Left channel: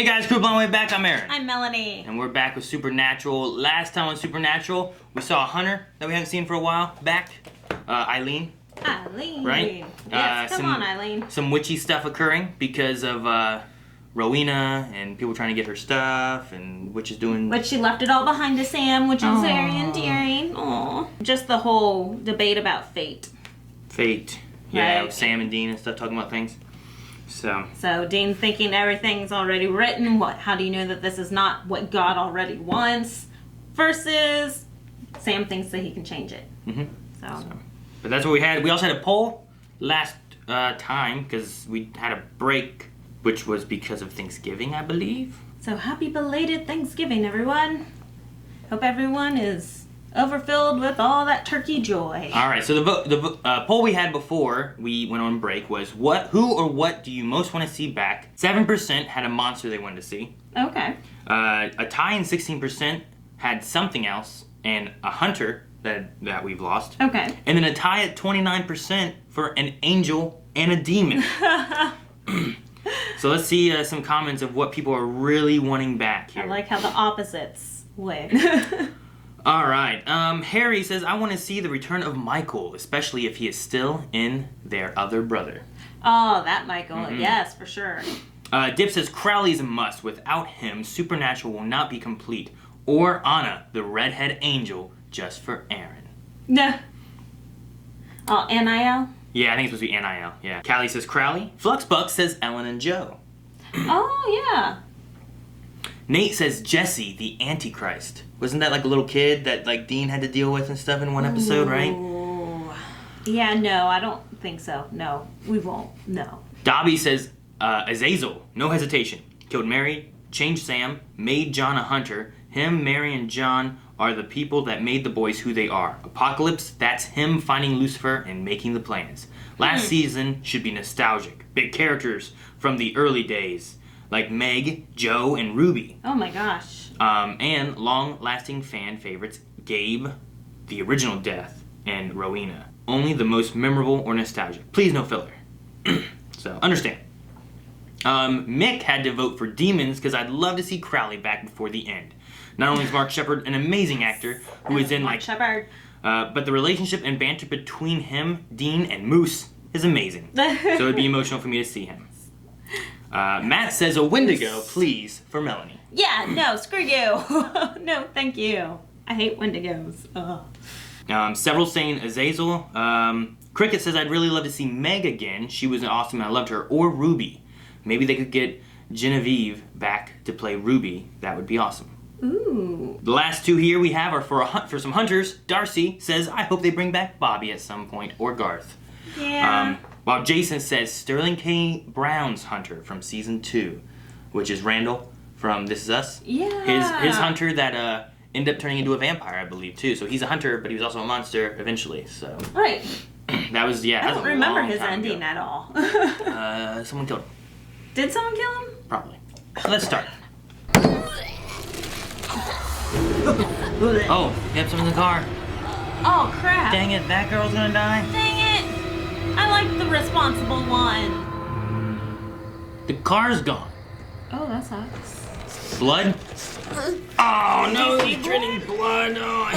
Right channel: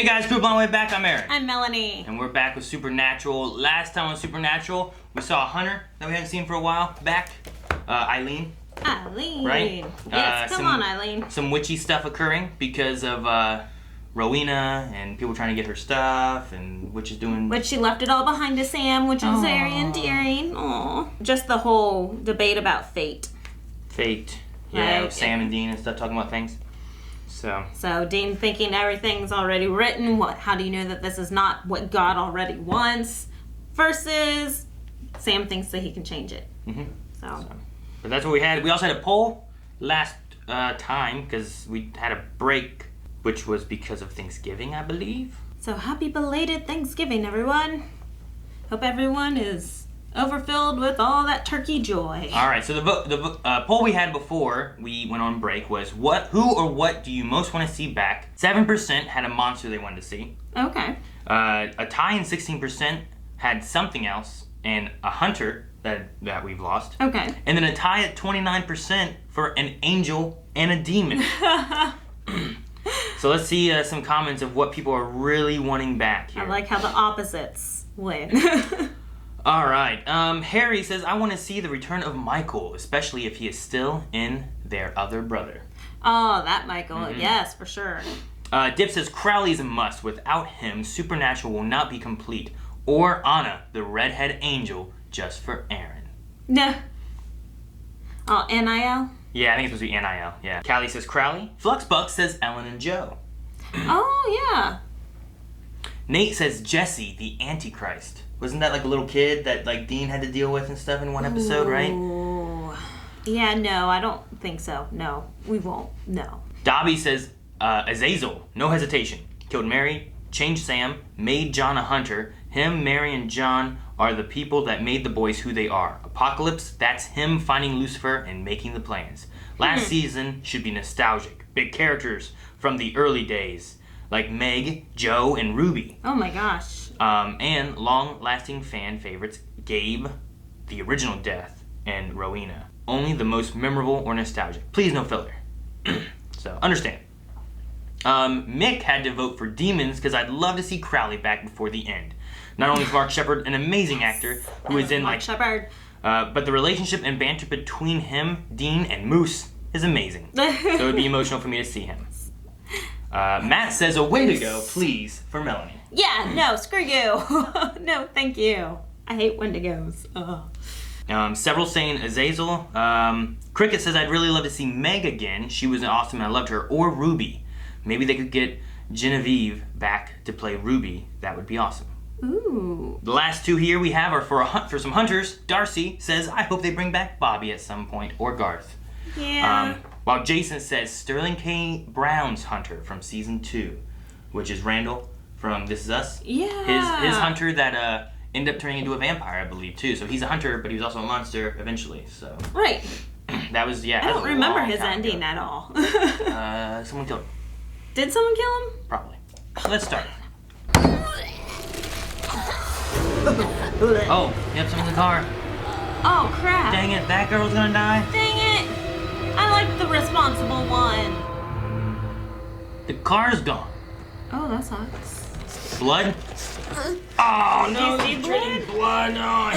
Hey guys, crew on the way back, I'm Aaron. I'm Melanie. And we're back with Supernatural. Last time on Supernatural, we saw a hunter that we haven't seen for a while back. Eileen. Eileen. Right? Yes, come on, Eileen. Some witchy stuff occurring because of Rowena and people trying to get her stuff and Witch is doing... But she left it all behind to Sam, which is very endearing. Aww. Just the whole debate about fate. Fate. Yeah, right. Sam and Dean and stuff talking about things. So Dean thinking everything's already written. How do you know that this is not what God already wants? Versus Sam thinks that he can change it. Mm-hmm. So. But that's what we had. We also had a poll last time because we had a break, which was because of Thanksgiving, I believe. So happy belated Thanksgiving, everyone. Hope everyone is overfilled with all that turkey joy. All right, so the poll we had before we went on break was who or what do you most want to see back? 7% had a monster they wanted to see. Okay. A tie in 16% had something else, and a hunter that we've lost. Okay. And then a tie at 29% for an angel and a demon. So let's see some comments of what people are really wanting back here. I like how the opposites win. All right. Harry says, I want to see the return of Michael, especially if he is still in their other brother. Oh, that Michael. Mm-hmm. Yes, for sure. Dip says, Crowley is a must. Without him, Supernatural will not be complete. Or Anna, the redhead angel, just for Aaron. No. Oh, NIL? Yeah, I think it's supposed to be NIL. Yeah. Callie says, Crowley. Fluxbuck says, Ellen and Joe. Oh, yeah. Nate says, Jesse, the Antichrist. Wasn't that like a little kid that like Dean had to deal with and stuff in one episode, right? Ooh. Yeah, no, I don't think so. No, we won't. No. Dobby says, Azazel, no hesitation. Killed Mary, changed Sam, made John a hunter. Him, Mary, and John are the people that made the boys who they are. Apocalypse, that's him finding Lucifer and making the plans. Last season should be nostalgic. Big characters from the early days, like Meg, Joe, and Ruby. Oh my gosh. And long-lasting fan favorites, Gabe, the original Death, and Rowena. Only the most memorable or nostalgic. Please no filler. So, understand. Mick had to vote for Demons because I'd love to see Crowley back before the end. Not only is Mark Shepard an amazing actor who is in Mark Shepard. But the relationship and banter between him, Dean, and Moose is amazing. So it'd be emotional for me to see him. Matt says a Wendigo, please, for Melanie. Yeah, no, screw you. No, thank you. I hate Wendigos. Several saying Azazel. Cricket says I'd really love to see Meg again. She was awesome and I loved her. Or Ruby. Maybe they could get Genevieve back to play Ruby. That would be awesome. Ooh. The last two here we have are for some hunters. Darcy says I hope they bring back Bobby at some point or Garth. Yeah. While Jason says Sterling K. Brown's hunter from season 2, which is Randall from This Is Us. Yeah. His hunter that ended up turning into a vampire, I believe, too. So he's a hunter, but he was also a monster eventually. So right. That was I don't remember his ending at all. Someone killed him. Did someone kill him? Probably. Let's start. Oh, yep, someone's in the car. Oh crap. Dang it, that girl's gonna die. Dang it. I like the responsible one. The car's gone. Oh, that sucks. Blood? Oh no, Did you he's see drinking blood. No, I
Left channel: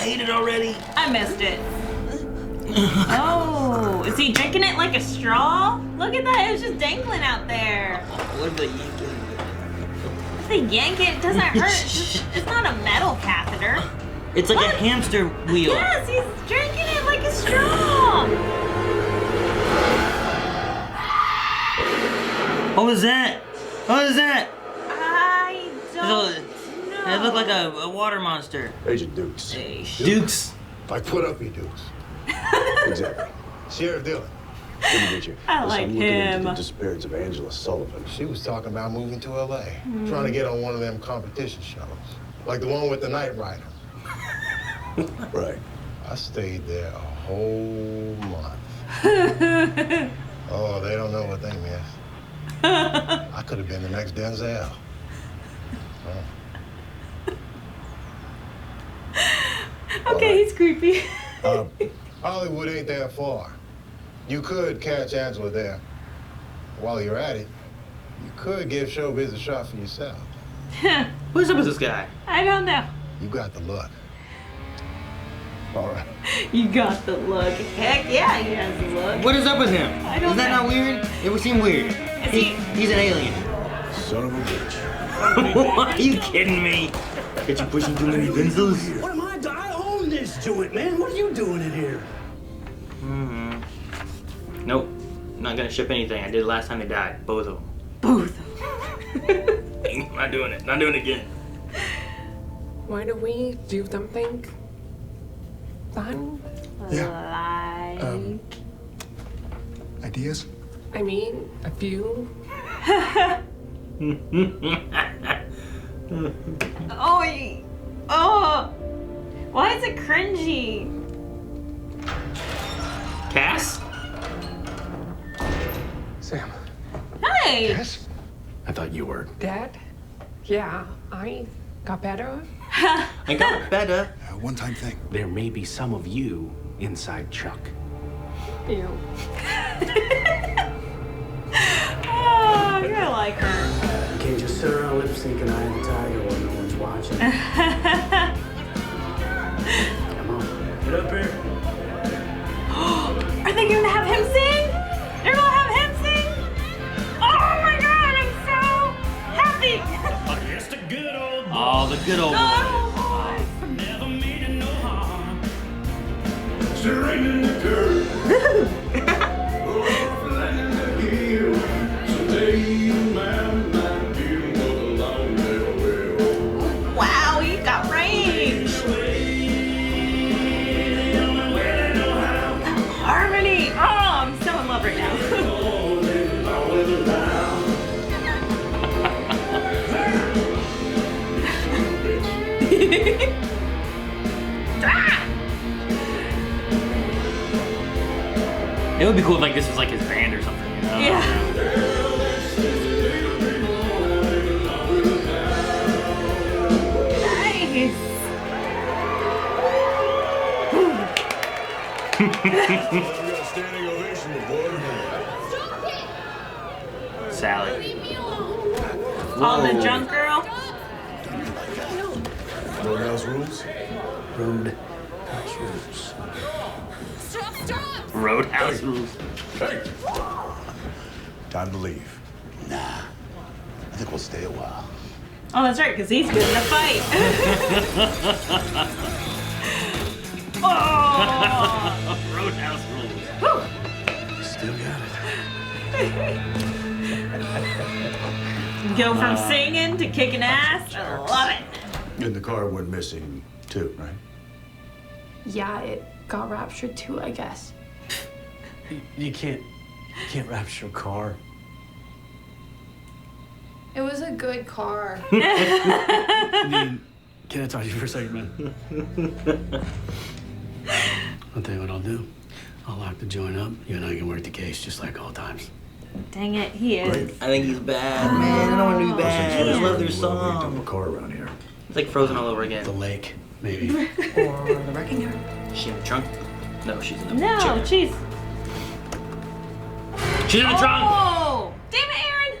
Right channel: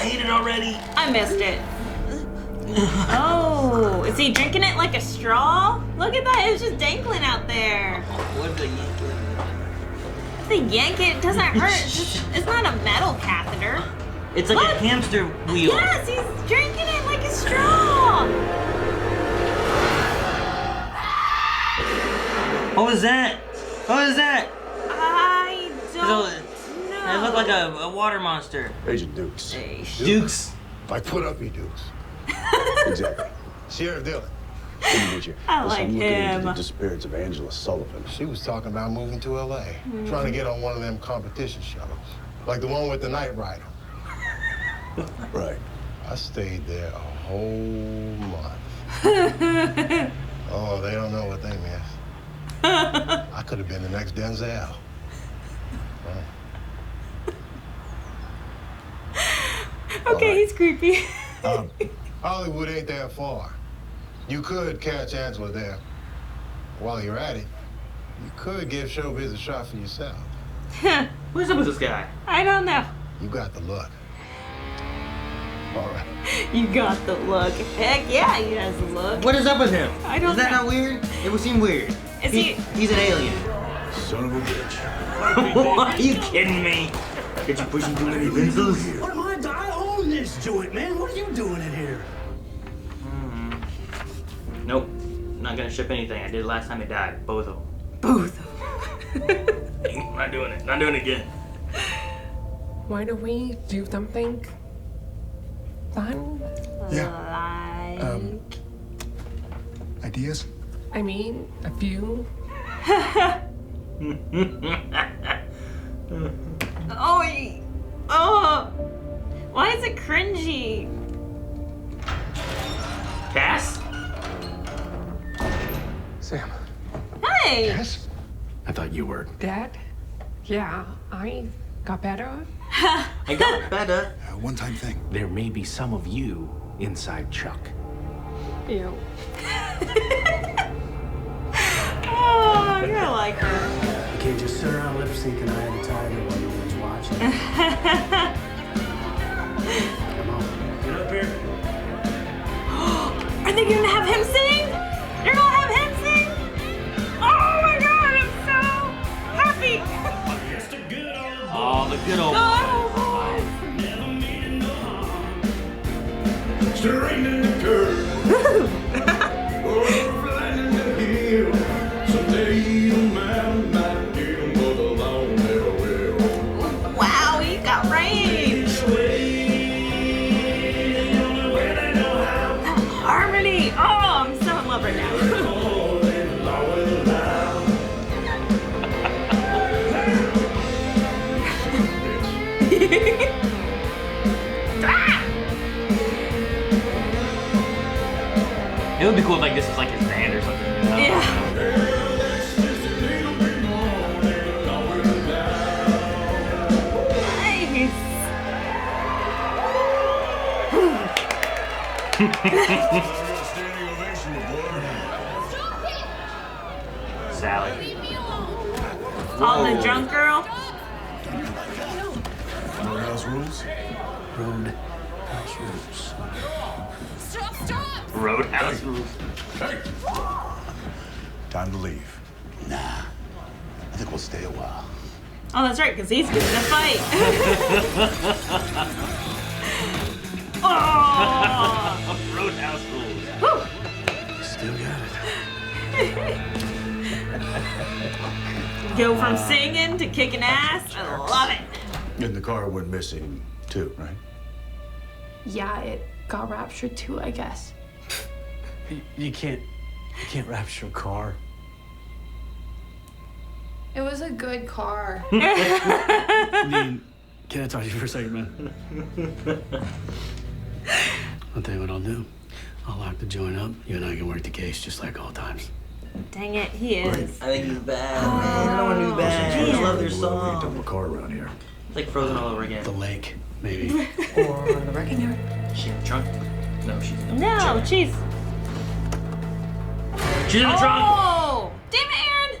hate it already. I missed it. Oh, is he drinking it like a straw? Look at that, it was just dangling out there. Look at you. If they yank it, it doesn't hurt. It's not a metal catheter. It's like Look. a hamster wheel. Yes, he's drinking it like a straw. What was that? What was that? I don't know. It looked like a water monster. Agent Dukes. Hey. Dukes. Like put up your Dukes. Exactly. Sheriff Dillon. Good to meet you. I Listen, like I'm looking into him. the disappearance of Angela Sullivan. She was talking about moving to L.A., trying to get on one of them competition shows, like the one with the Knight Rider. Right. I stayed there a whole month. Oh, they don't know what they missed. I could have been the next Denzel. Okay, right. he's creepy. Hollywood ain't that far. You could catch Angela there. While you're at it, You could give showbiz a shot for yourself. What's up with this guy? I don't know. You got the look. All right. You got the look. Heck yeah, he has the look. What is up with him? I don't Is that know. not weird? It would seem weird. Is he? He's an alien. Son of a bitch. Are you kidding me? Get you pushing too many pencils? What am I? I own this joint, man. What are you doing in here? Nope. I'm not gonna ship anything. I did it last time they died. Both of them. Both. Not doing it. Not doing it again. Why don't we do something fun? Yeah. Like... Ideas? I mean, a few. Oh, why is it cringy? Cass? Sam. Hey. Yes? I thought you were. Dad? Yeah, I got better. I got better. One-time thing. There may be some of you inside Chuck. Ew. Oh, you're like her. You can't just sit around lip syncing Eye of the Tiger while no one's watching. Come on. Get up here. Are they gonna have him sing? They're gonna have him sing? Oh my god, I'm so happy. Just a good old boy. Oh, the good old. Oh. Never made it no harm. Straightening the curve. Flattening the hill. Someday you might get 'em, but along never will. Wow, he got range. Harmony. Oh, I'm so in love right now. It would be cool if like this was like his band or something. You know? Yeah. Nice. got a standing ovation, my boy. Sally. On the drunk girl. Roadhouse rules? Roadhouse rules. Roadhouse. Hey! Time to leave. Nah. I think we'll stay a while. Oh, that's right, because he's getting a fight. Oh. Roadhouse. Still got it. Go from singing to kicking ass. I love it. And the car went missing, too, right? Yeah, it got raptured too, I guess. You can't rapture a car. It was a good car. Dean, can I talk to you for a second, man? I'll tell you what I'll do. I'll lock the joint up. You and I can work the case just like all times. Dang it, he is. Great. I think he's bad, man. I don't want to be bad. First I love we their dump a song. car around here. It's like Frozen all over again. The lake, maybe. Or the wrecking yard. Is she in the trunk? No, she's in the No, chair. jeez. She's in the trunk! Oh, damn it, Aaron!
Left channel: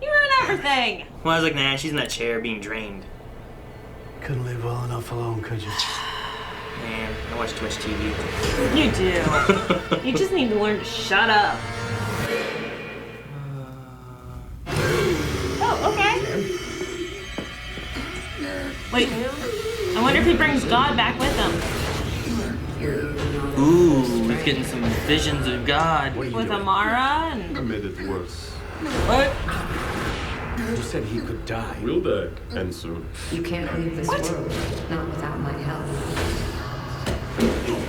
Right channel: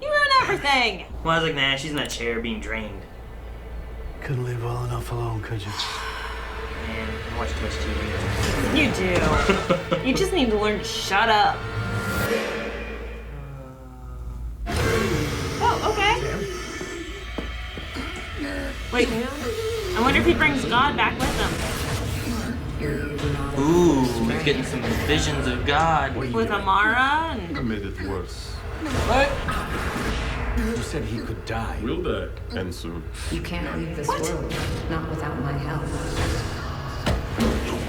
You ruined everything. Well, I was like, nah, she's in that chair being drained. Couldn't leave well enough alone, could you? Man, I watch too much TV. You do. You just need to learn to shut up. Oh, okay. Wait, I wonder if he brings God back with him. Ooh, he's getting some visions of God. With Amara and... I made it worse. What? You said he could die. We'll die, and soon. You can't leave this world, not without my help.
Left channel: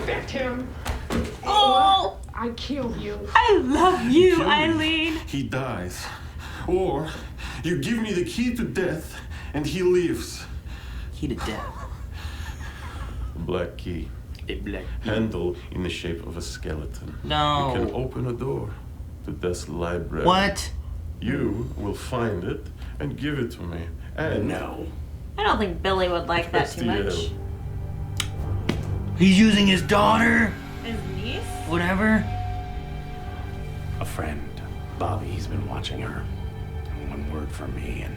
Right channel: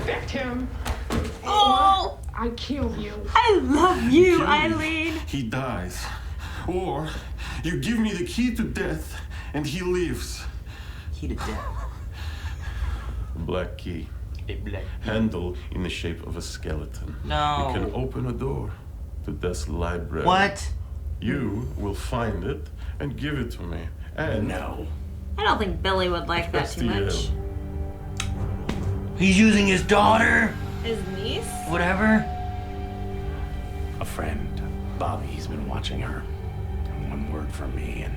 Back him. Oh, I kill you. I love you, Kill me. Eileen. He dies. Or you give me the key to death, and he lives. Key to death. A black key. A black. Handle in the shape of a skeleton. No. You can open a door to Death's library. What? You will find it and give it to me. And No. I don't think Billy would like that too much. Castiel. He's using his daughter? His niece? Whatever. A friend, Bobby, he's been watching her. one word from me and,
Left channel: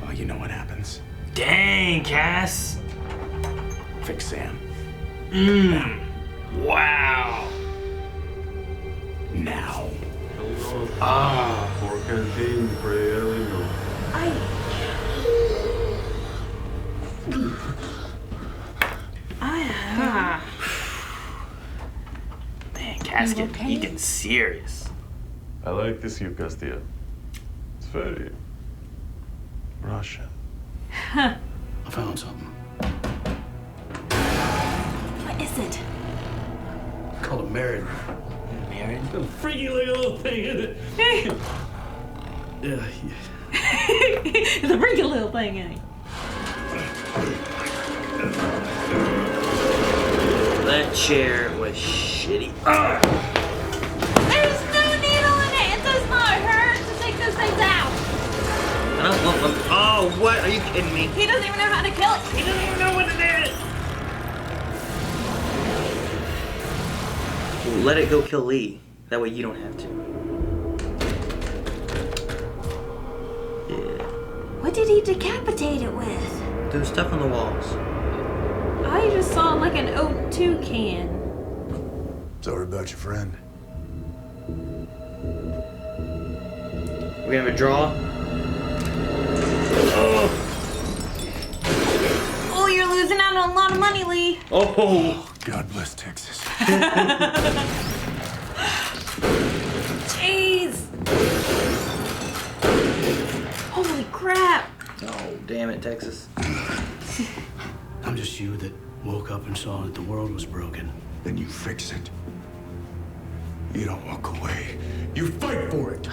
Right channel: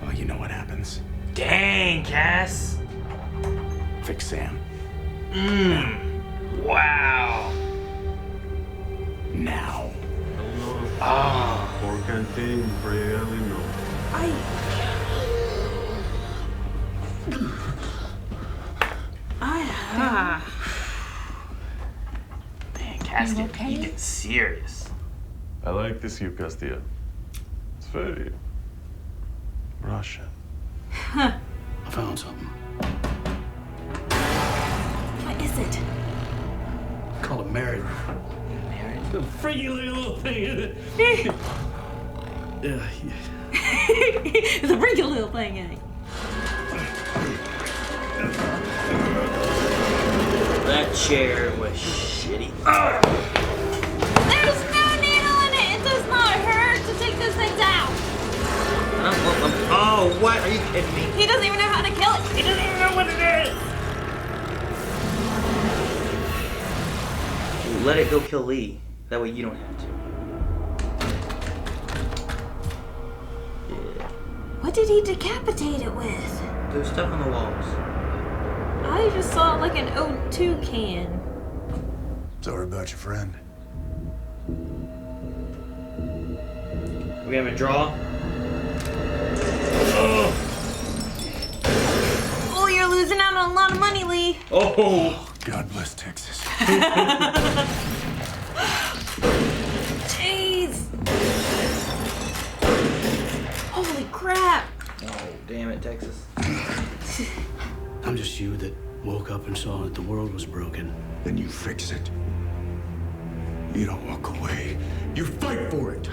well, you know what happens. Dang, Cass. Fix Sam. Wow. Now. Por canteen, pray, no. Man, Cass, you get serious. I like this, you, Castilla. It's very Russian. I found something. What is it? Called a married. Married? The freaky little thing, isn't it? Yeah. It's a freaky little thing, eh? That chair was shitty. There's no needle in it. It does not hurt to take those things out. Oh, what? Are you kidding me? He doesn't even know how to kill it. He doesn't even know what it is. Let it go kill Lee. That way you don't have to. Yeah. What did he decapitate it with? There was stuff on the walls. I just saw like an O2 can. Sorry about your friend. We have a draw. Oh, you're losing out on a lot of money, Lee. Oh. God bless Texas. Jeez. Holy crap. Oh, damn it, Texas. I'm just you that woke up and saw that the world was broken. Then you fix it. You don't walk away. You fight for it.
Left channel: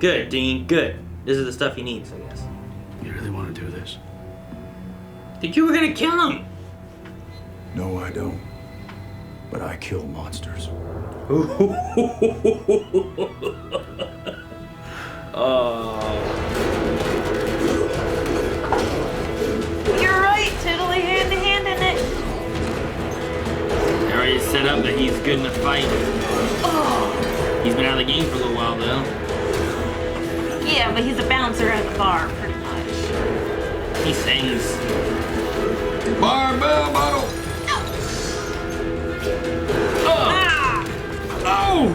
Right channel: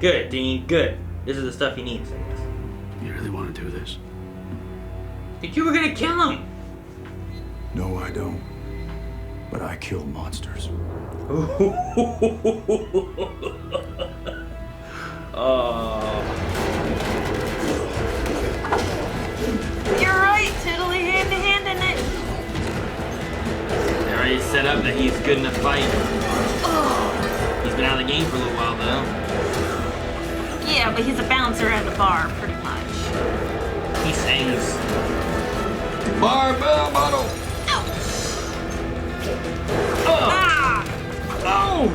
Good, Dean. Good. This is the stuff he needs, I guess. You really want to do this? Think you were gonna kill him? No, I don't. But I kill monsters. Oh. You're right, Tiddly, hand to hand in it. They already set up that he's good in a fight. He's been out of the game for a little while, though. Yeah, but he's a bouncer at the bar. He sings. Barbell model. Ah! No!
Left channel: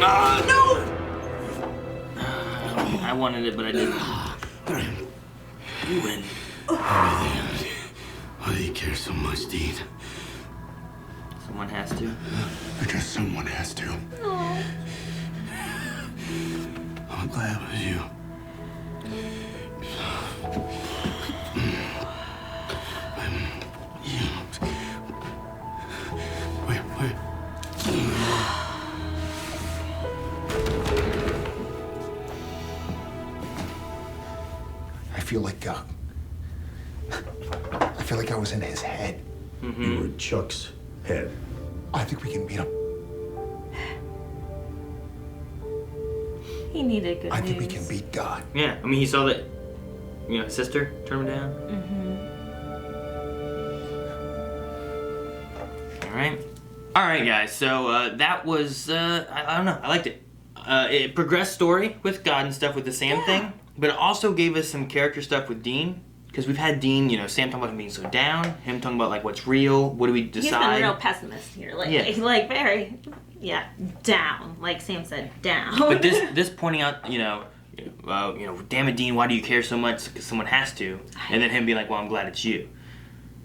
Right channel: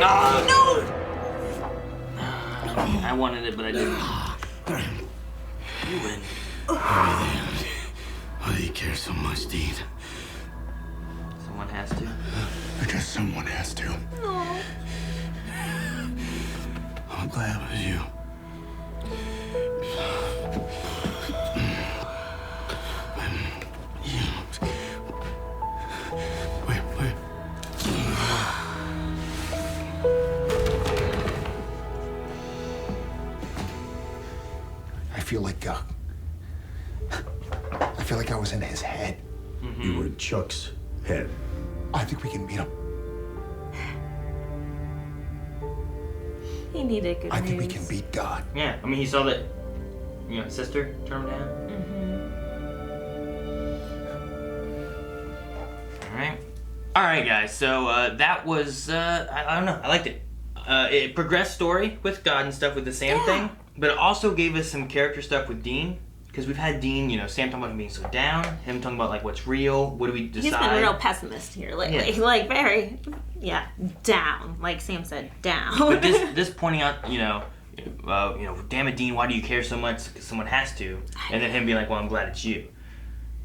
No! I wanted it, but I didn't. Why do you care so much, Dean? Someone has to. Because someone has to. I'm glad it was you. Wait. I feel like I was in his head. Mm-hmm. You were in Chuck's head. I think we can beat him. He needed good I think we news. can beat God. Yeah, I mean, he saw that, his sister turn him down. Mm-hmm. All right, guys. So that was, I don't know. I liked it. It progressed story with God and stuff with the Sam thing, but it also gave us some character stuff with Dean. Because we've had Dean, Sam talking about him being so down, him talking about, like, what's real, what do we decide? He's been real pessimist here. Like very, down. Like Sam said, down. But this pointing out, damn it, Dean, why do you care so much? Because someone has to. And then him being like, well, I'm glad it's you.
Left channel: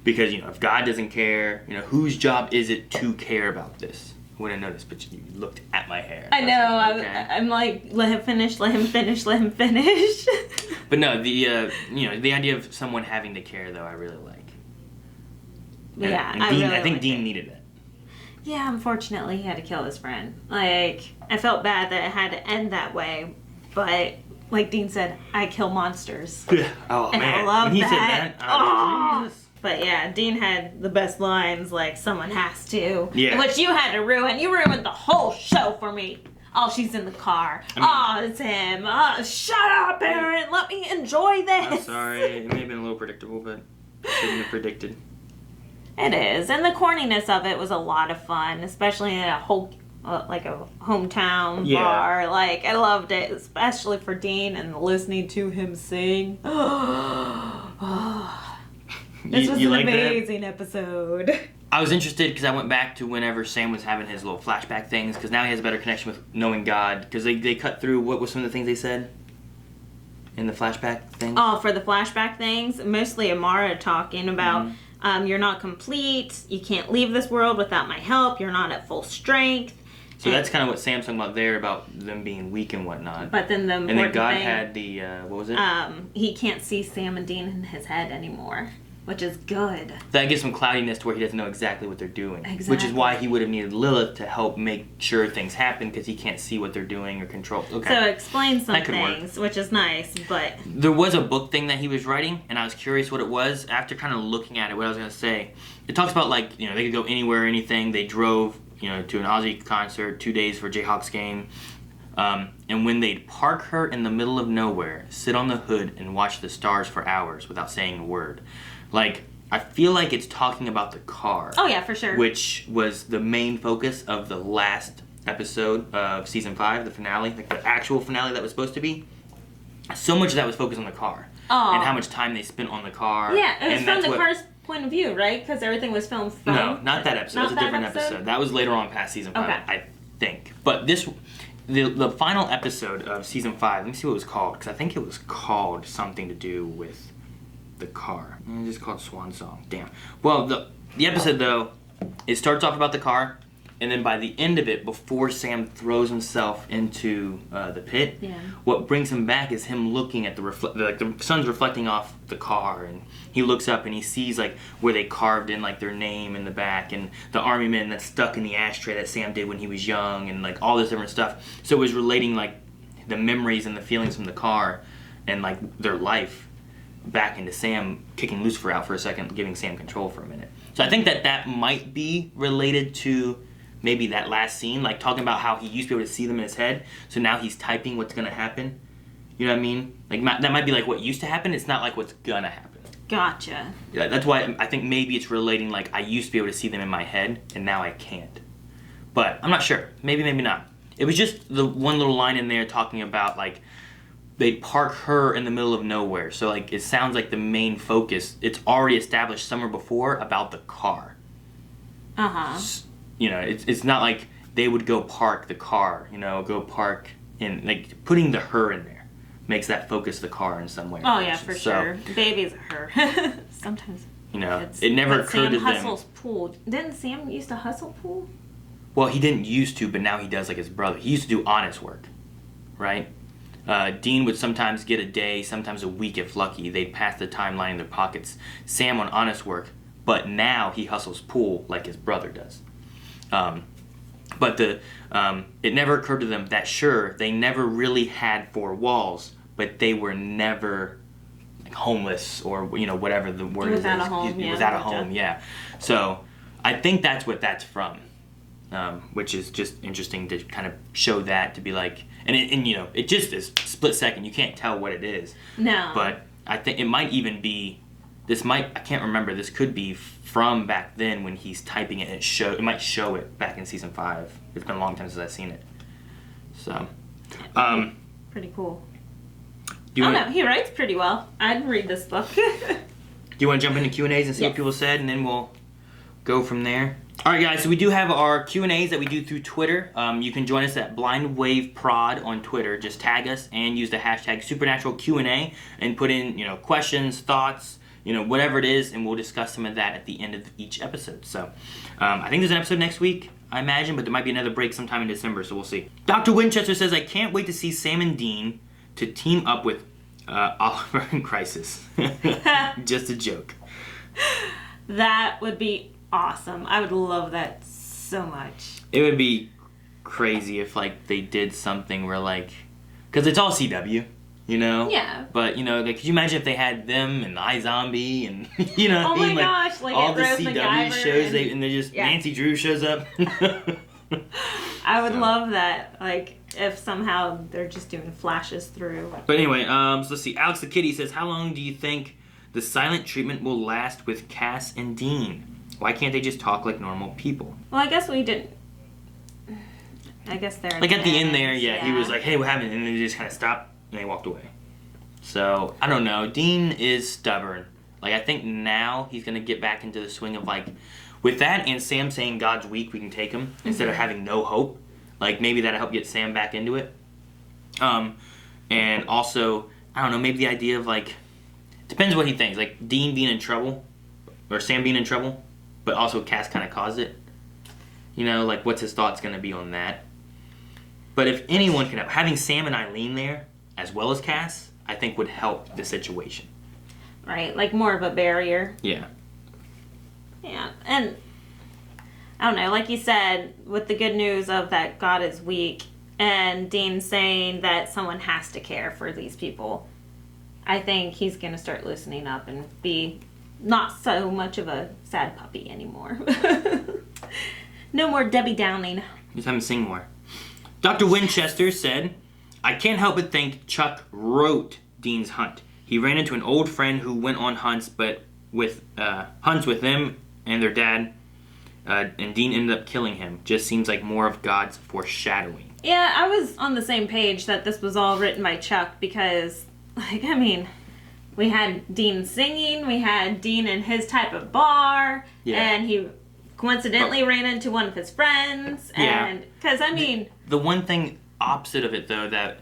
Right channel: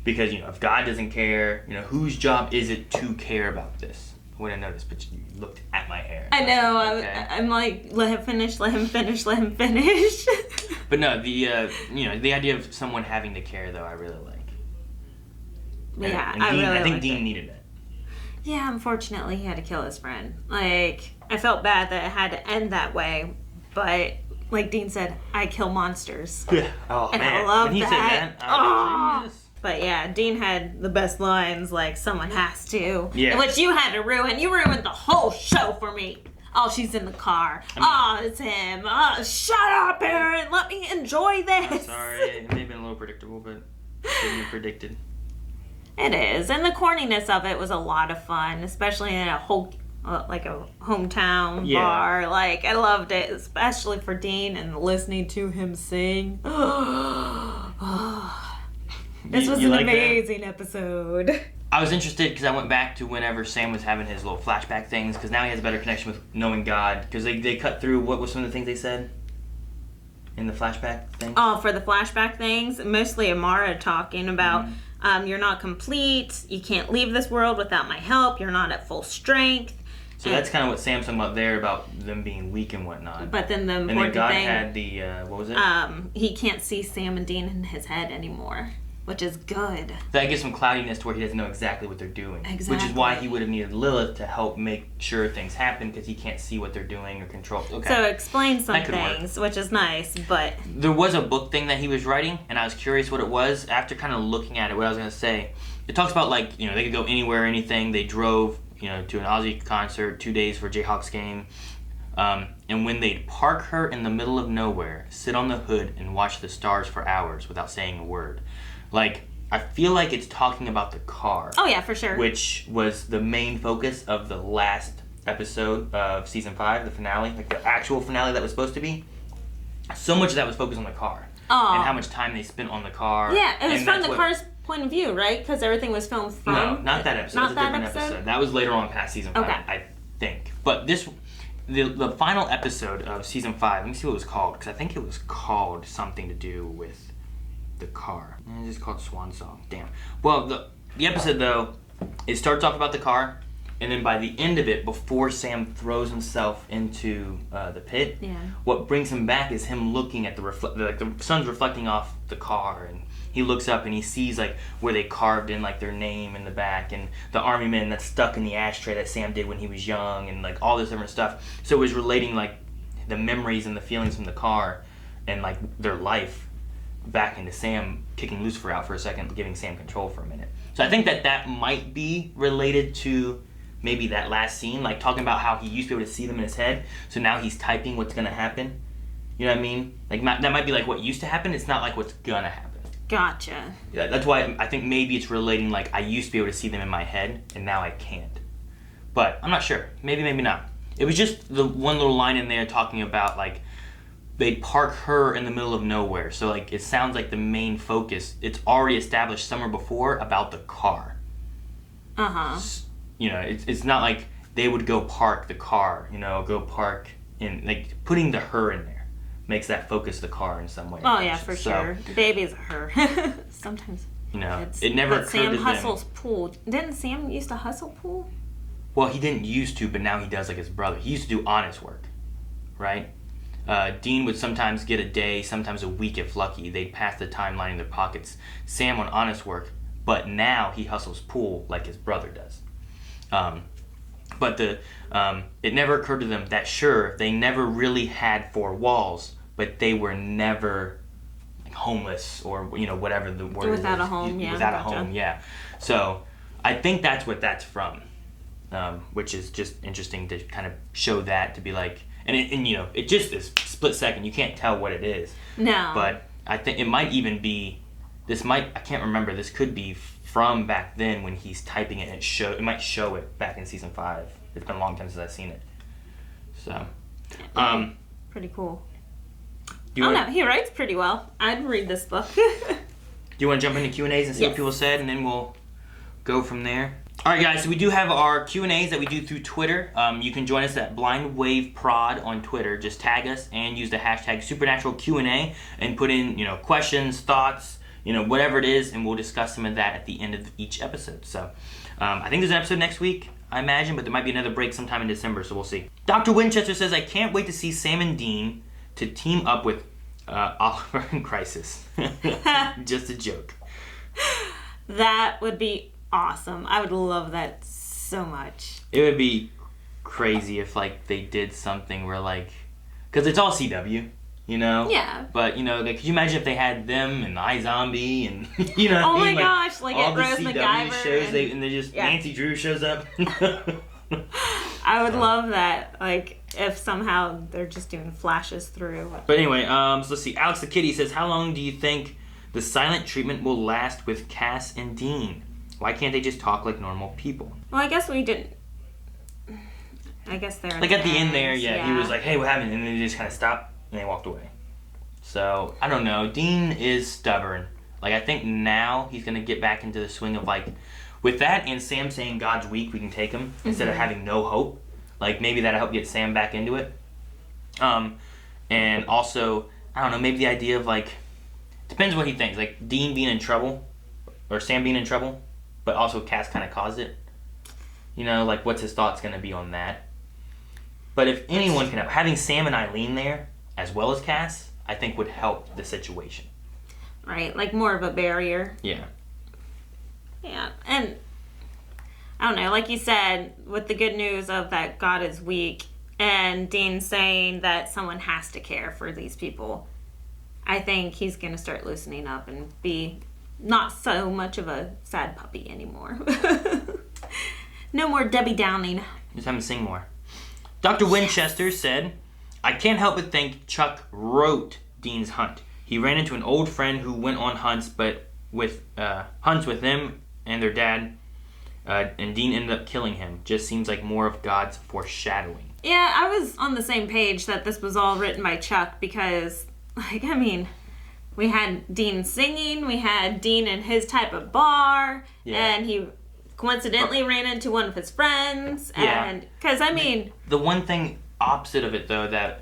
Because, if God doesn't care, whose job is it to care about this? I wouldn't notice, but you looked at my hair. I know. Okay. I'm like, let him finish. Let him finish. But no, the idea of someone having to care, though, I really like. Yeah, and I Dean, really I think liked Dean it. needed that. Yeah, unfortunately, he had to kill his friend. Like, I felt bad that it had to end that way, but like Dean said, I kill monsters. Yeah. Oh, and man. I love when he that. said that, Oh. But yeah, Dean had the best lines, like, someone has to. Yeah. Which you had to ruin. You ruined the whole show for me. Oh, she's in the car. It's him. Shut up, Aaron. Let me enjoy this. I'm sorry. It may have been a little predictable, but shouldn't have predicted. It is. And the corniness of it was a lot of fun, especially in a like a hometown bar. Like, I loved it, especially for Dean and listening to him sing. This was an amazing episode. I was interested because I went back to whenever Sam was having his little flashback things, because now he has a better connection with knowing God, because they cut through what was some of the things they said in the flashback things. Oh, for the flashback things, mostly Amara talking about you're not complete, you can't leave this world without my help, you're not at full strength. So that's kind of what Sam's talking about there, about them being weak and whatnot. But then the important and then God thing, had the, what was it? He can't see Sam and Dean in his head anymore, which is good. That gives some cloudiness to where he doesn't know exactly what they're doing. Exactly. Which is why he would have needed Lilith to help make sure things happen, because he can't see what they're doing or control. Okay. So explain some That could things, which is nice, but... There was a book thing that he was writing, and I was curious what it was. After kind of looking at it, what I was going to say, it talks about, like, you know, they could go anywhere, anything. They drove, you know, to an Ozzy concert, 2 days for Jayhawks game. And when they'd park her in the middle of nowhere, sit on the hood, and watch the stars for hours without saying a word. Like, I feel like it's talking about the car. Oh, yeah, for sure. Which was the main focus of the last episode of season 5, the finale, like the actual finale that was supposed to be. So much of that was focused on the car. Oh. And how much time they spent on the car. Yeah, it was and from the car's point of view, right? Because everything was filmed from... No, not that episode. It was a different episode. That was later on past season 5, Okay. I think. But this... The final episode of season 5, let me see what it was called, because I think it was called something to do with the car. It's just called Swan Song. Damn. Well, the episode, though, it starts off about the car, and then by the end of it, before Sam throws himself into the pit, what brings him back is him looking at the sun's reflecting off the car, and he looks up and he sees like where they carved in like their name in the back, and the army man that's stuck in the ashtray that Sam did when he was young, and like all this different stuff. So it was relating like the memories and the feelings from the car and like their life back into Sam, kicking Lucifer out for a second, giving Sam control for a minute. So I think that might be related to maybe that last scene, like talking about how he used to be able to see them in his head, so now he's typing what's gonna happen. You know what I mean? Like that might be like what used to happen. It's not like what's gonna happen. Gotcha. Yeah, that's why I think maybe it's relating. Like I used to be able to see them in my head, and now I can't. But I'm not sure. Maybe not. It was just the one little line in there talking about like they park her in the middle of nowhere. So like it sounds like the main focus. It's already established somewhere before about the car. You know, it's not like they would go park the car, you know, go park in, like, putting the her in there makes that focus the car in some way. Oh, yeah, for sure. Baby's a her. Sometimes. You know, it never occurred Sam to them. hustles pool. Didn't Sam used to hustle pool? Well, he didn't used to, but now he does like his brother. He used to do honest work, right? Dean would sometimes get a day, sometimes a week if lucky. They'd pass the timeline in their pockets. Sam on honest work, but now he hustles pool like his brother does. But it never occurred to them that sure, they never really had 4 walls, but they were never like homeless or, you know, whatever the word is. Without a home, yeah. Without a home, yeah. So I think that's what that's from, which is just interesting to kind of show that, to be like, and you know, it just is split second. You can't tell what it is. No. But I think it might even be, I can't remember, this could be from back then when he's typing it, and it might show it back in season 5. It's been a long time since I've seen it. So, pretty cool. No, he writes pretty well. I'd read this book. Do you want to jump into Q&As and see Yes. what people said, and then we'll go from there? All right, guys, so we do have our Q&As that we do through Twitter. You can join us at BlindWaveProd on Twitter. Just tag us and use the hashtag SupernaturalQ&A and put in, you know, questions, thoughts, you know, whatever it is, and we'll discuss some of that at the end of each episode. So, I think there's an episode next week, I imagine, but there might be another break sometime in December, so we'll see. Dr. Winchester says, I can't wait to see Sam and Dean to team up with Oliver in Crisis. Just a joke. That would be awesome. I would love that so much. It would be crazy if, like, they did something where, like, because it's all CW. You know? Yeah. But, you know, like, could you imagine if they had them and iZombie and, you know, oh my like, gosh, like all at the Rose CW MacGyver shows, and they're just, Nancy Drew shows up. I would love that, like, if somehow they're just doing flashes through. But anyway, so let's see. Alex the Kitty says, how long do you think the silent treatment will last with Cass and Dean? Why can't they just talk like normal people? Well, I guess we didn't. I guess they're like at the end there, yeah. he was like, "Hey, what happened?" And then he just kind of stopped and they walked away. So I don't know. Dean is stubborn. Like I think now he's gonna get back into the swing of like, with that and Sam saying God's weak, we can take him instead of having no hope. Like maybe that'll help get Sam back into it. And also I don't know. Maybe the idea of like, depends what he thinks. Like Dean being in trouble, or Sam being in trouble, but also Cass kind of caused it. You know, like what's his thoughts gonna be on that? But if anyone can help, having Sam and Eileen there, as well as Cass, I think would help the situation. Right, like more of a barrier. Yeah. Yeah, and I don't know, like you said, with the good news of that God is weak, and Dean saying that someone has to care for these people, I think he's going to start loosening up and be not so much of a sad puppy anymore. No more Debbie Downing. Just have him sing more. Dr. Winchester said, "I can't help but think Chuck wrote Dean's hunt. He ran into an old friend who went on hunts, but with hunts with them and their dad, and Dean ended up killing him. Just seems like more of God's foreshadowing." Yeah, I was on the same page that this was all written by Chuck because, like, I mean, we had Dean singing, we had Dean in his type of bar, and he coincidentally ran into one of his friends, and because I mean, the one thing opposite of it though, that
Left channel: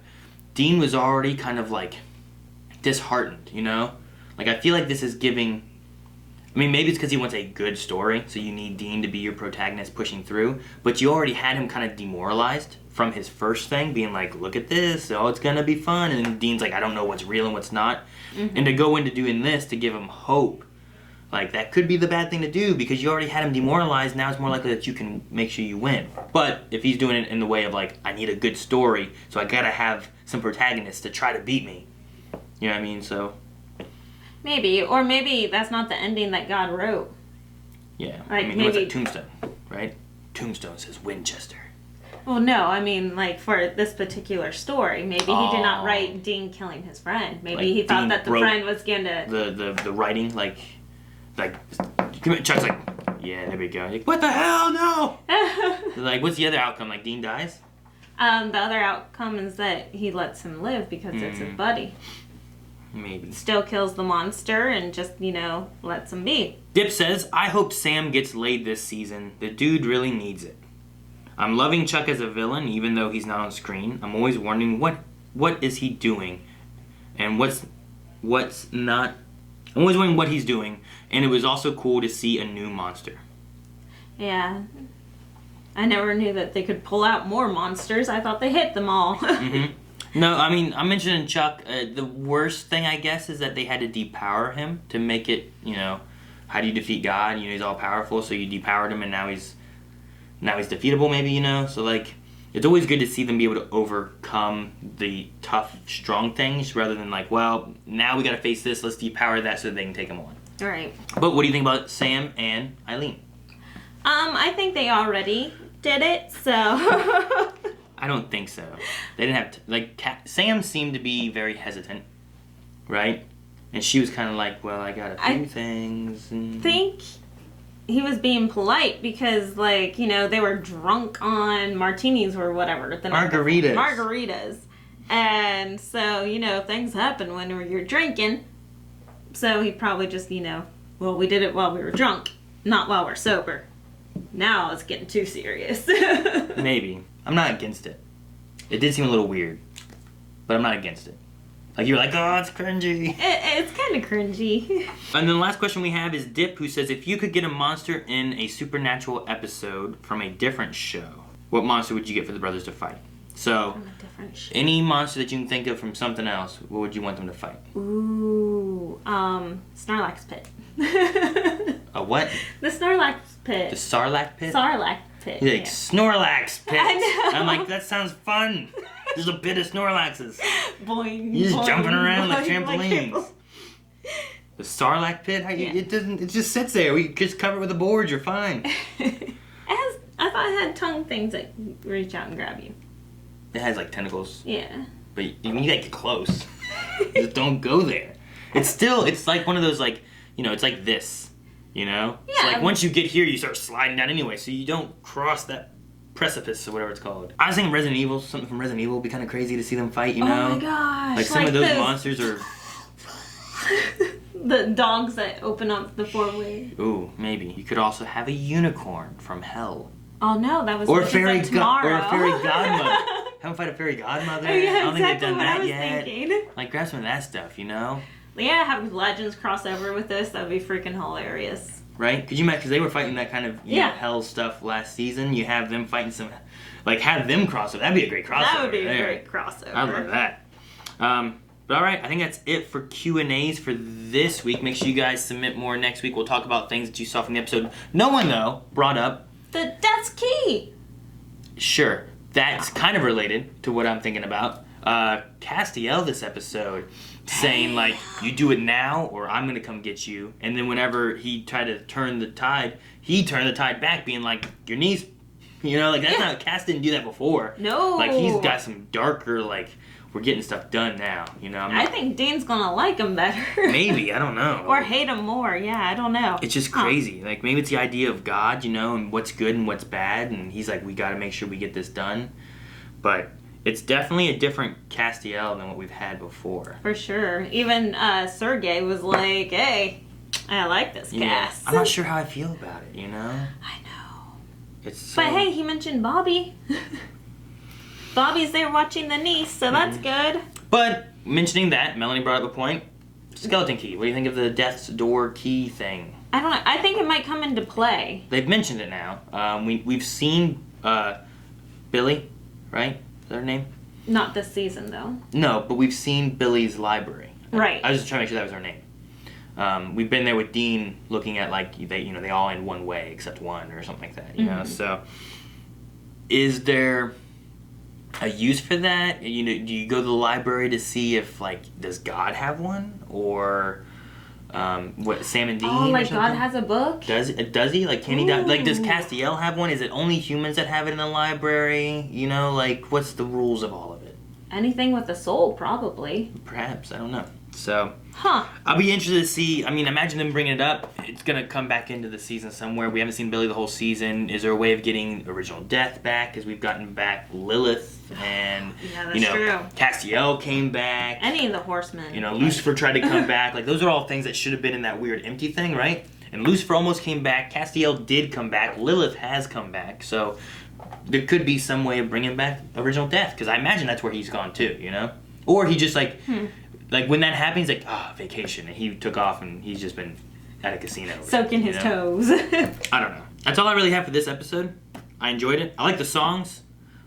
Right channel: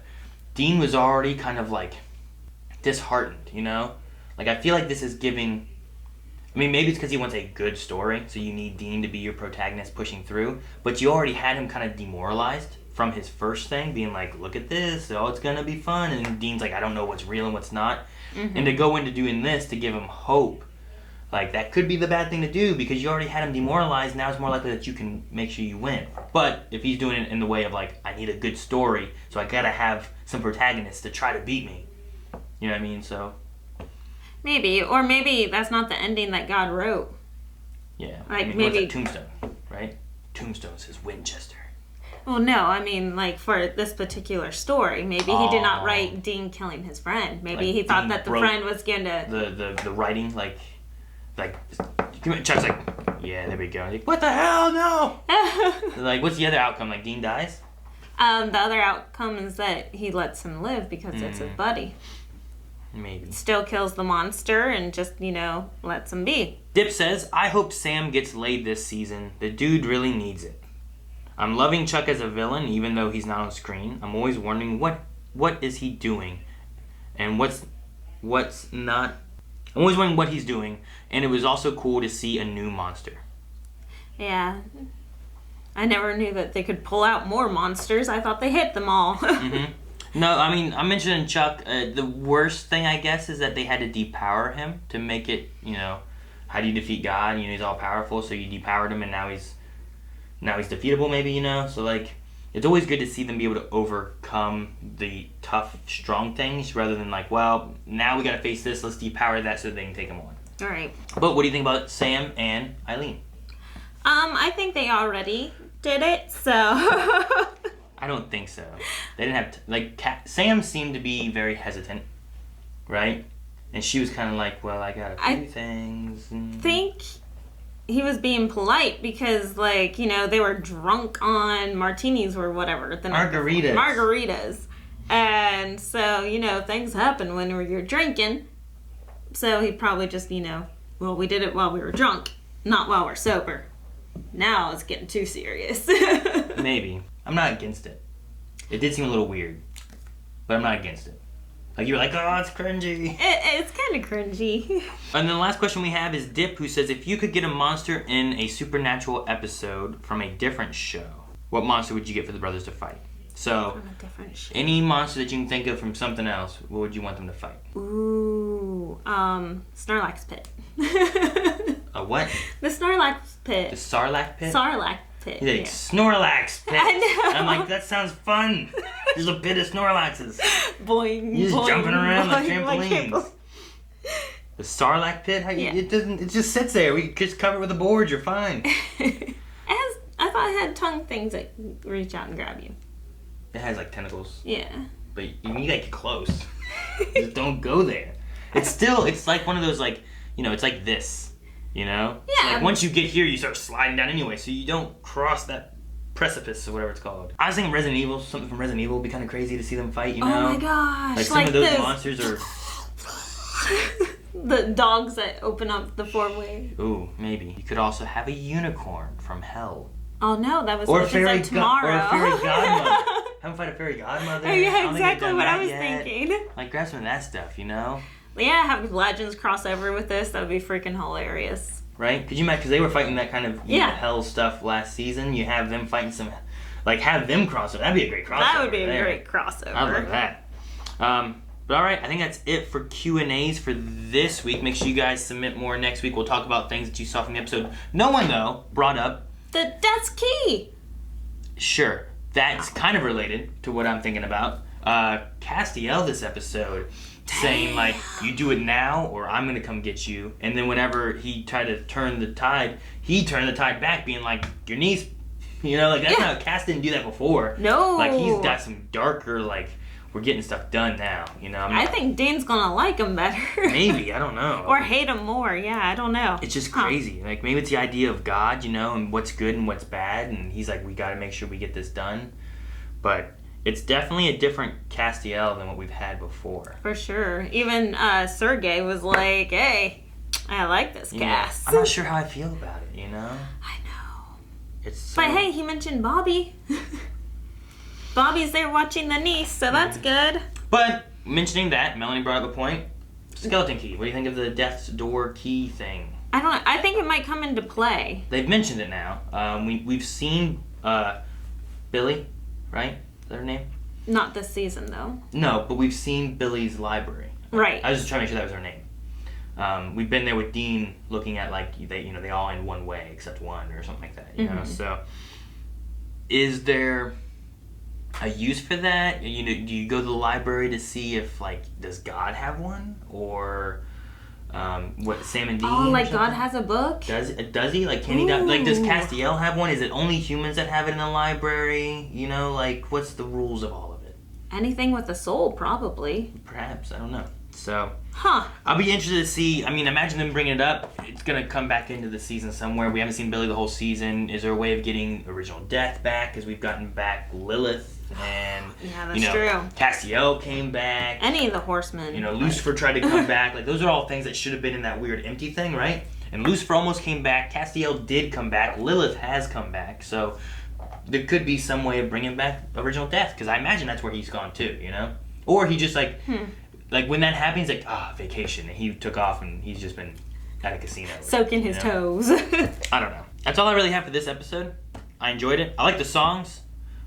Dean was already kind of like disheartened, you know, like I feel like this is giving, I mean maybe it's because he wants a good story, so you need Dean to be your protagonist pushing through, but you already had him kind of demoralized from his first thing, being like, look at this, oh it's gonna be fun, and then Dean's like, I don't know what's real and what's not, and to go into doing this to give him hope, like that could be the bad thing to do because you already had him demoralized. Now it's more likely that you can make sure you win. But if he's doing it in the way of like, I need a good story, so I gotta have some protagonists to try to beat me, you know what I mean? So maybe, or maybe that's not the ending that God wrote. Yeah, like I mean, maybe what's that, Tombstone, right? Tombstone says Winchester. Well, no, I mean, like, for this particular story, maybe he did not write Dean killing his friend. Maybe Like he thought Dean that the wrote friend was gonna... The writing, like Chuck's like, yeah, there we go. Like, what the hell, no! Like, what's the other outcome? Like, Dean dies? The other outcome is that he lets him live because it's his buddy. Maybe. Still kills the monster and just, you know, lets him be. Dip says, I hope Sam gets laid this season. The dude really needs it. I'm loving Chuck as a villain, even though he's not on screen. I'm always wondering what is he doing, and what's not. I'm always wondering what he's doing, and it was also cool to see a new monster. Yeah, I never knew that they could pull out more monsters. I thought they hit them all. No, I mean, I'm mentioning Chuck. The worst thing, I guess, is that they had to depower him to make it. You know, how do you defeat God? You know, he's all powerful, so you depowered him, and now he's defeatable, maybe, you know? So, like, it's always good to see them be able to overcome the tough, strong things rather than, like, well, now we gotta face this, let's depower that so that they can take him on. Right. But what do you think about Sam and Eileen? I think they already did it, so... I don't think so. They didn't have to, like, Sam seemed to be very hesitant, right? And she was kind of like, well, I got a few things. I think he was being polite because, like, you know, they were drunk on martinis or whatever. Margaritas. And so, you know, things happen when you're drinking. So he probably just, you know, well, we did it while we were drunk, not while we're sober. Now it's getting too serious. Maybe. I'm not against it. It did seem a little weird, but I'm not against it. Like, you're like, oh, it's cringy. It's kind of cringy. And then the last question we have is Dip, who says, if you could get a monster in a supernatural episode from a different show, what monster would you get for the brothers to fight? So, From a different show. Any monster that you can think of from something else, what would you want them to fight? Ooh, Snorlax Pit. A what? The Snorlax Pit. The Sarlacc Pit? Sarlacc Pit. He's like, yeah. Snorlax Pit. I know. I'm like, that sounds fun. There's a pit of Snorlaxes. Boing, You're just boing, jumping around like boing, trampolines. The Sarlacc Pit? It just sits there. We just cover it with a board. You're fine. I thought it had tongue things that reach out and grab you. It has like tentacles. Yeah. But you need to get close. Just don't go there. It's like one of those, like, you know, it's like this, you know? Yeah. It's like once you get here, you start sliding down anyway, so you don't cross that precipice or whatever it's called. I was thinking Resident Evil, something from Resident Evil would be kind of crazy to see them fight, you know? Oh my gosh. Like some of those monsters are... The dogs that open up the four-way. Ooh, maybe. You could also have a unicorn from hell. Oh no, that was or what she said tomorrow. Or a fairy godmother. Have them fight a fairy godmother. Yeah, exactly what I was thinking. Like, grab some of that stuff, you know? Yeah, have Legends cross over with this. That would be freaking hilarious. Right? Could you imagine, because they were fighting that kind of you yeah. know, hell stuff last season. You have them fighting some, like, have them cross over. That'd be a great crossover. That would be a great crossover. I love that. But all right, I think that's it for Q&As for this week. Make sure you guys submit more next week. We'll talk about things that you saw from the episode. No one, though, brought up... That's key. Sure. That's kind of related to what I'm thinking about. Castiel this episode saying, like, you do it now or I'm going to come get you. And then whenever he tried to turn the tide, he turned the tide back being like, your niece, you know, like, that's not... Cass didn't do that before. No. Like, he's got some darker, like... We're getting stuff done now, you know? I think Dean's gonna like him better. Maybe, I don't know. Or hate him more, yeah, I don't know. It's just crazy. Like, maybe it's the idea of God, you know, and what's good and what's bad, and he's like, we gotta make sure we get this done. But it's definitely a different Castiel than what we've had before. For sure. Even Sergey was like, hey, I like this Cass. I'm not sure how I feel about it, you know? I know. It's so... But hey, he mentioned Bobby. Bobby's there watching the niece, so that's good. But, mentioning that, Melanie brought up a point. Skeleton key. What do you think of the death's door key thing? I don't know. I think it might come into play. They've mentioned it now. We've seen Billy, right? Is that her name? Not this season, though. No, but we've seen Billy's library. Right. I was just trying to make sure that was her name. We've been there with Dean looking at, like, they all end one way except one or something like that, you know? So, is there... a use for that? You know, do you go to the library to see if, like, does God have one? Or, what, Sam and Dean? Oh, like God has a book? Does he? Like, can he, like, does Castiel have one? Is it only humans that have it in the library? You know, like, what's the rules of all of it? Anything with a soul, probably. Perhaps, I don't know. So, huh. I'll be interested to see. I mean, imagine them bringing it up. It's going to come back into the season somewhere. We haven't seen Billy the whole season. Is there a way of getting original death back? Because we've gotten back Lilith and, true. Castiel came back. Any of the horsemen. You know, Lucifer tried to come back. Like, those are all things that should have been in that weird empty thing, right? And Lucifer almost came back. Castiel did come back. Lilith has come back. So, there could be some way of bringing back original death. Because I imagine that's where he's gone too, you know? Or he just, like... Like, when that happens, like, vacation. And he took off and he's just been at a casino. Soaking his toes. I don't know. That's all I really have for this episode. I enjoyed it. I like the songs.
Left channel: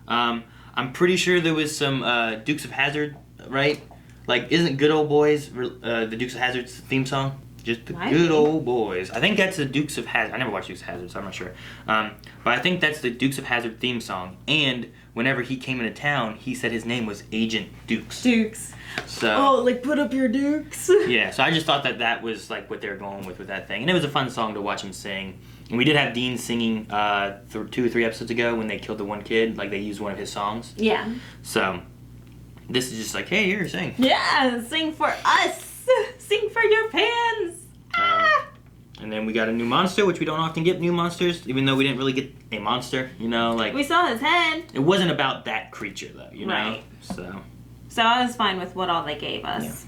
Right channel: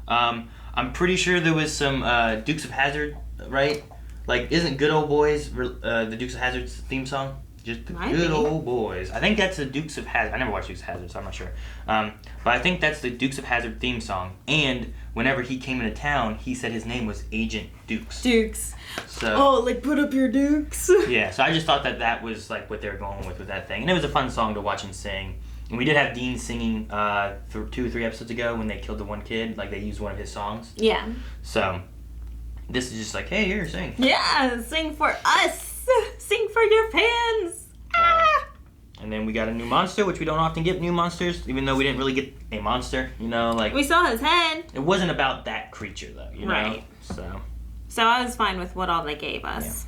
I'm pretty sure there was some Dukes of Hazzard, right? Like, isn't Good Old Boys the Dukes of Hazzard's theme song? Just the good old boys. I think that's the Dukes of Hazzard. I never watched Dukes of Hazzard, so I'm not sure. But I think that's the Dukes of Hazzard theme song. And whenever he came into town, he said his name was Agent Dukes. Dukes. So, like, put up your dukes. Yeah, so I just thought that was like what they were going with that thing. And it was a fun song to watch him sing. And we did have Dean singing 2 or 3 episodes ago when they killed the one kid. Like, they used one of his songs. Yeah. So, this is just like, hey, here, sing. Yeah, sing for us. Sing for your fans. And then we got a new monster, which we don't often get new monsters, even though we didn't really get a monster, you know, like... We saw his head. It wasn't about that creature, though, you know? Right. So I was fine with what all they gave us.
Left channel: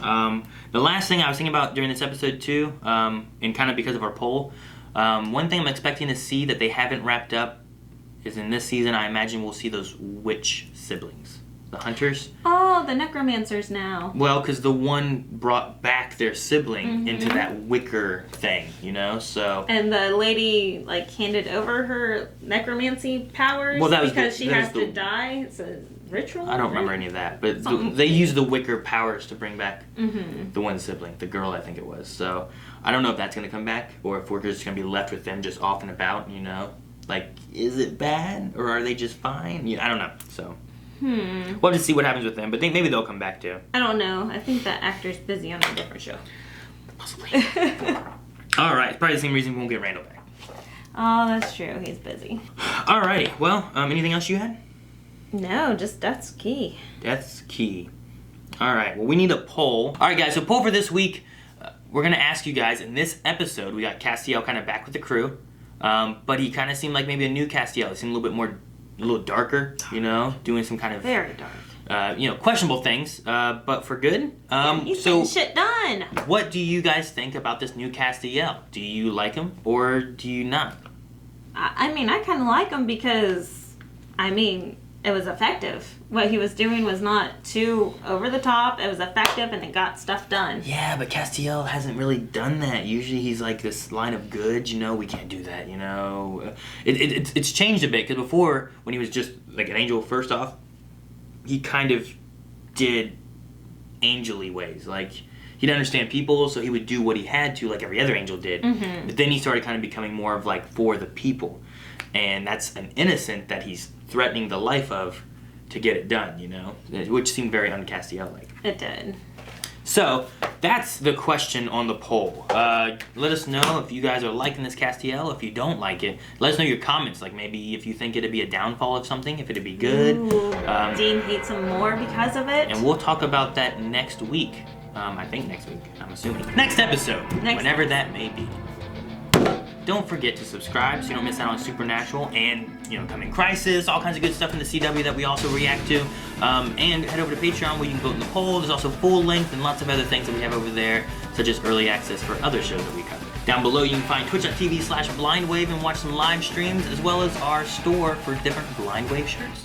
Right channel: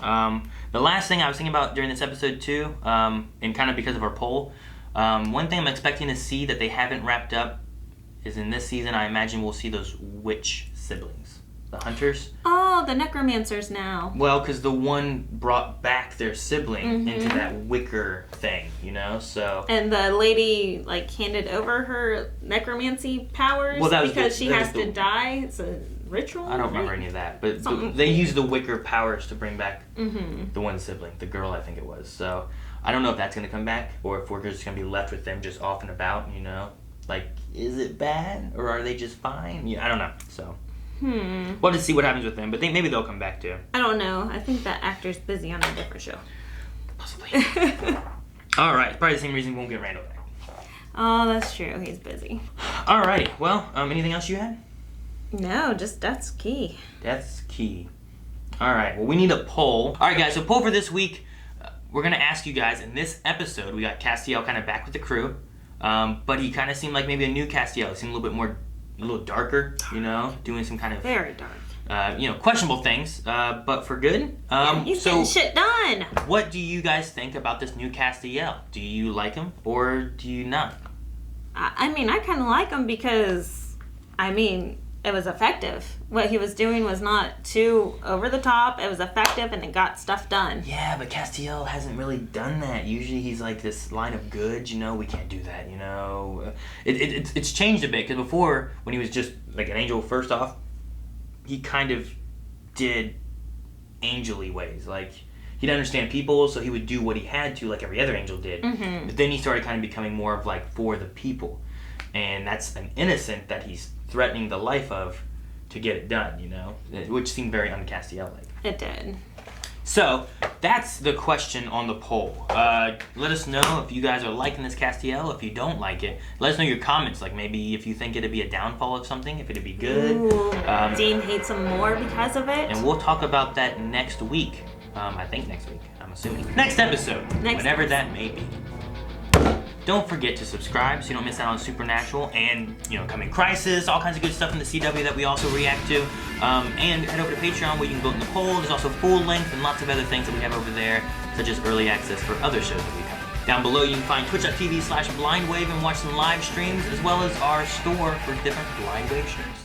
Yeah. The last thing I was thinking about during this episode, too, and kind of because of our poll, one thing I'm expecting to see that they haven't wrapped up is in this season, I imagine we'll see those witch siblings. The hunters. Oh, the necromancers now. Well, because the one brought back their sibling into that wicker thing, you know, so... And the lady, like, handed over her necromancy powers because she has to die. It's a ritual, I don't remember any of that, but they used the wicker powers to bring back the one sibling, the girl, I think it was. So, I don't know if that's going to come back, or if we're just going to be left with them just off and about, you know? Like, is it bad, or are they just fine? Yeah, I don't know, so... We'll just see what happens with them, but maybe they'll come back too. I don't know. I think that actor's busy on a different show. Possibly. Alright, probably the same reason we won't get Randall back. Oh, that's true. He's busy. Alrighty, well, anything else you had? No, just Death's Key. Death's Key. Alright, well, we need a poll. Alright, guys, so poll for this week. We're going to ask you guys, in this episode, we got Castiel kind of back with the crew. But he kind of seemed like maybe a new Castiel. He seemed a little darker, doing some kind of Very dark. questionable things, but for good. He's getting shit done. What do you guys think about this new Castiel? Do you like him or do you not? I mean, I kind of like him because, it was effective. What he was doing was not too over the top. It was effective, and it got stuff done. Yeah, but Castiel hasn't really done that. Usually he's like this line of goods, we can't do that, It's changed a bit, because before, when he was just like an angel, first off, he kind of did angel-y ways. Like, he'd understand people, so he would do what he had to, like every other angel did. Mm-hmm. But then he started kind of becoming more of like for the people. And that's an innocent that he's threatening the life of to get it done, which seemed very un-Castiel-like. It did. So that's the question on the poll. Let us know if you guys are liking this Castiel. If you don't like it, let us know your comments. Like maybe if you think it'd be a downfall of something, if it'd be good. Ooh, Dean hates him more because of it. And we'll talk about that next week. I think next week, I'm assuming. Next episode, whenever that may be. Don't forget to subscribe so you don't miss out on Supernatural and, Coming Crisis, all kinds of good stuff in the CW that we also react to. And head over to Patreon where you can vote in the poll. There's also full length and lots of other things that we have over there, such as early access for other shows that we cover. Down below you can find twitch.tv/blindwave and watch some live streams, as well as our store for different Blindwave shirts.